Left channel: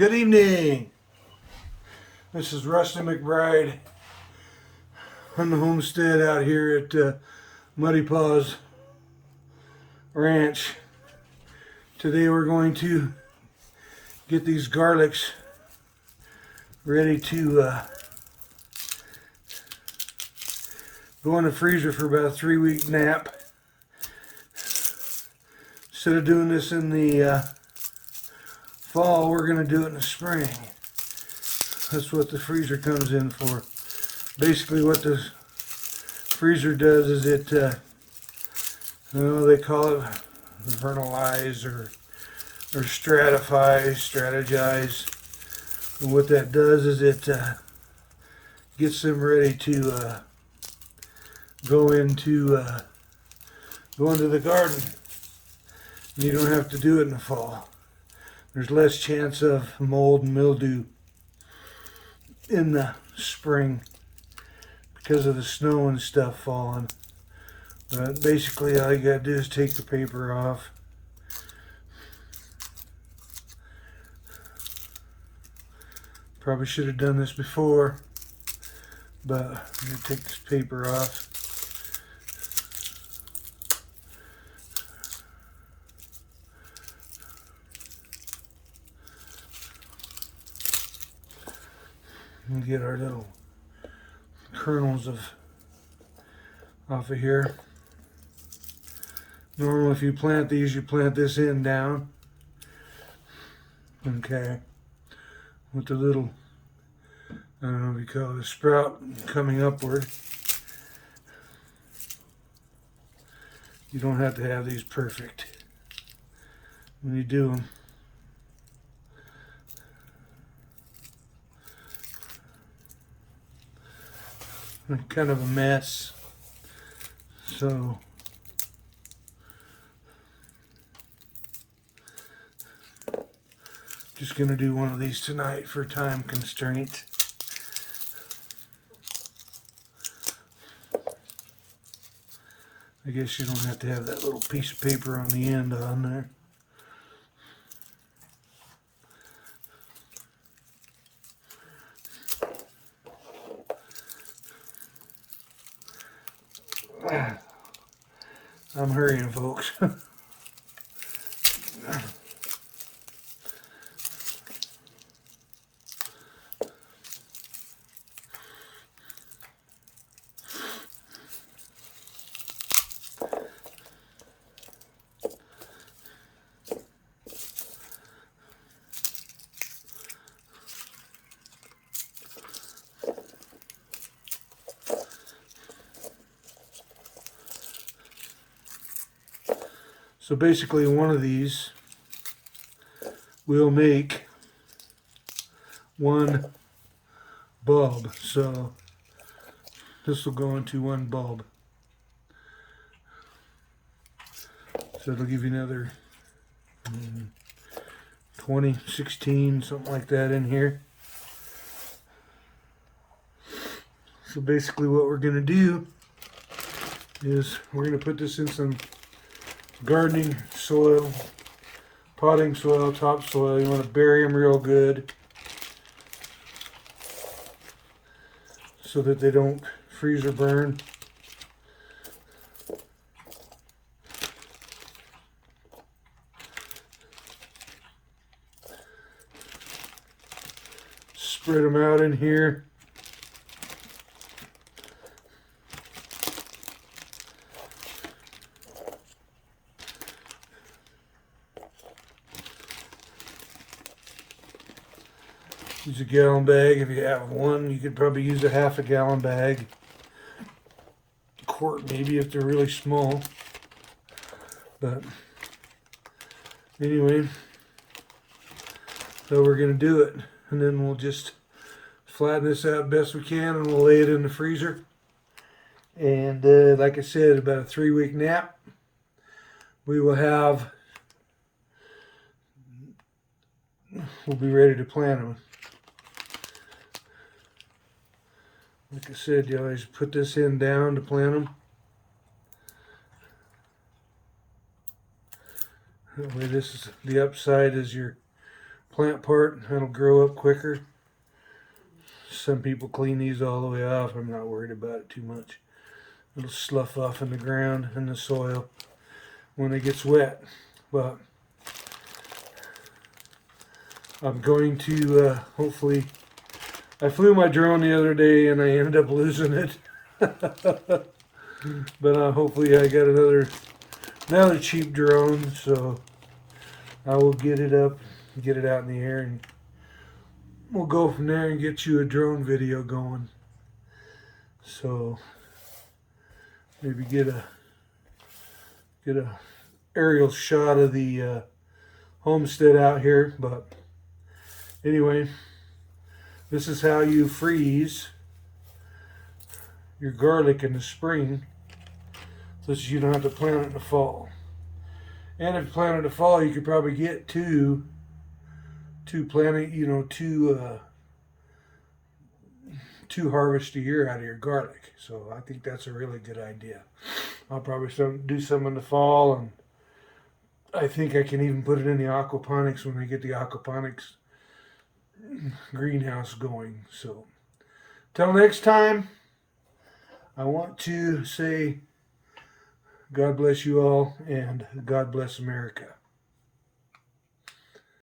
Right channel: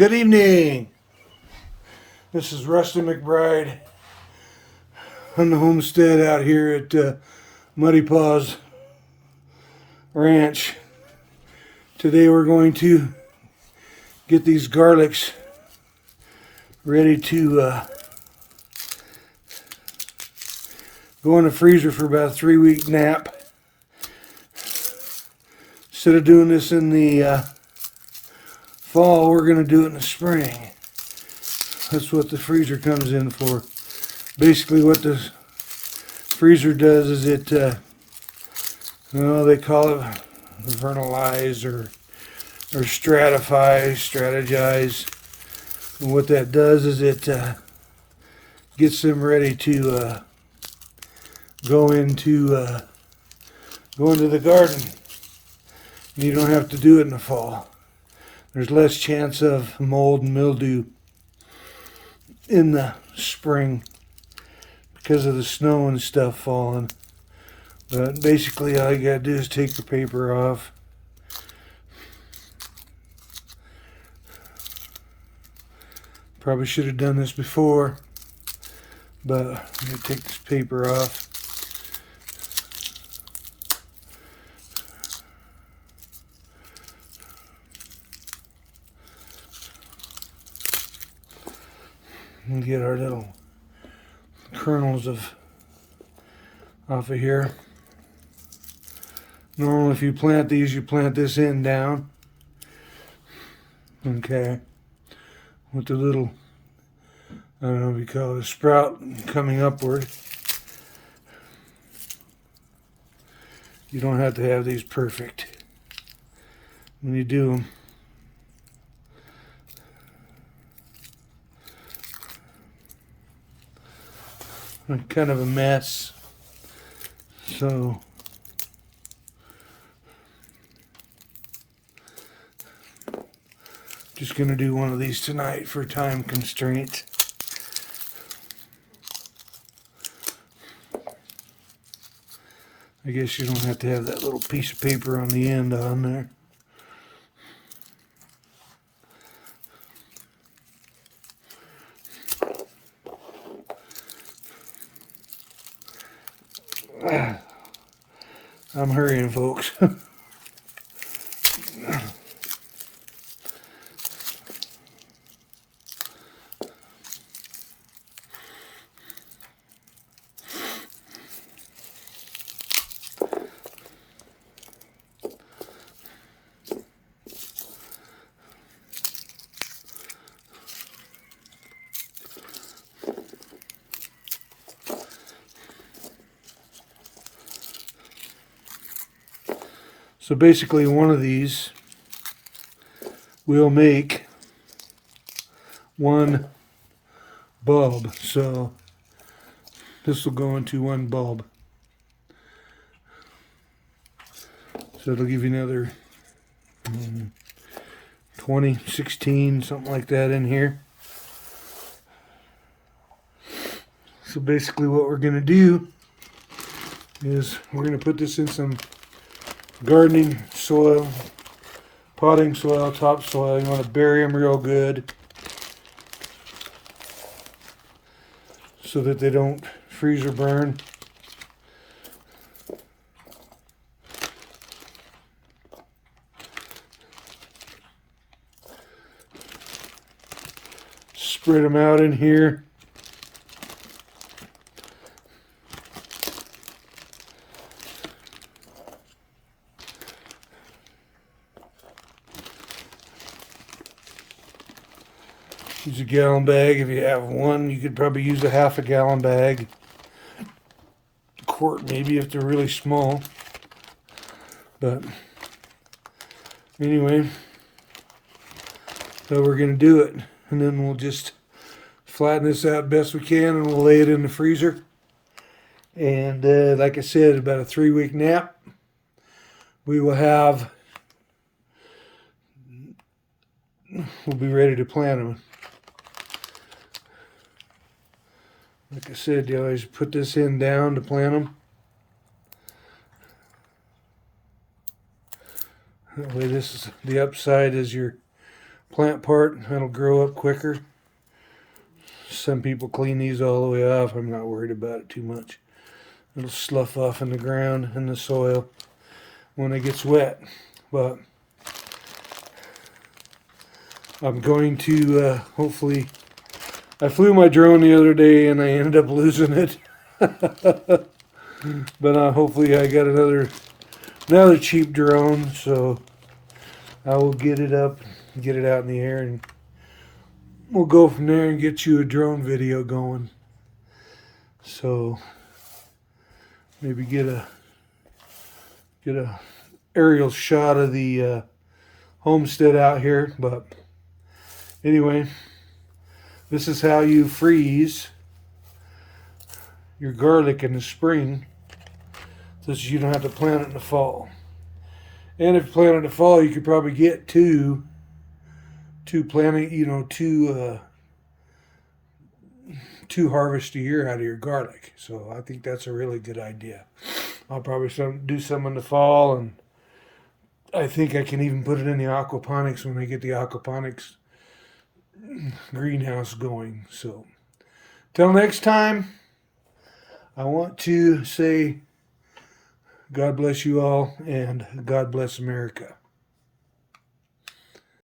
Good evening. This is Rusty McBride on the homestead out here at Muddy Paws Ranch. Today we're going to get these garlics ready to go in the freezer for about a 3-week nap. Instead of doing this in the fall, we're going to do it in the spring. That's what the freezer comes in for. Basically what the freezer does is it, they call it vernalize or strategize. And what that does is it gets them ready to go into the garden. And you don't have to do it in the fall. There's less chance of mold and mildew in the spring because of the snow and stuff falling. But basically all you gotta do is take the paper off. Probably should have done this before, but I'm gonna take this paper off. And get our little kernels off of here. Normally if you plant these, you plant this end down. Okay. With the little, I don't know what you call it, a sprout coming upward. You don't have to have these perfect when you do them. Kind of a mess, so just gonna do one of these tonight for time constraints. I guess you don't have to have that little piece of paper on the end on there. I'm hurrying, folks. So basically one of these will make one bulb. So this will go into one bulb. So it'll give you another 20, 16, something like that in here. So basically what we're going to do is we're going to put this in some gardening soil, potting soil, topsoil. You want to bury them real good so that they don't freeze or burn. Spread them out in here. Use a gallon bag if you have one. You could probably use a half a gallon bag. A quart maybe if they're really small. But anyway, so we're going to do it. And then we'll just flatten this out best we can and we'll lay it in the freezer. And like I said, about a 3-week nap. We will have, we'll be ready to plant them. Like I said, you always put this end down to plant them. That way this is the upside is your plant part. It'll grow up quicker. Some people clean these all the way off. I'm not worried about it too much. It'll slough off in the ground and the soil when it gets wet. But I'm going to hopefully. I flew my drone the other day and I ended up losing it. But hopefully I got another cheap drone, so I will get it up, get it out in the air, and we'll go from there and get you a drone video going. So maybe get a aerial shot of the homestead out here. But anyway, this is how you freeze your garlic in the spring, so that you don't have to plant it in the fall. And if you plant it in the fall, you could probably get two harvests a year out of your garlic. So I think that's a really good idea. I'll probably do some in the fall, and I think I can even put it in the aquaponics when I get the aquaponics greenhouse going. So till next time, I want to say God bless you all, and God bless America.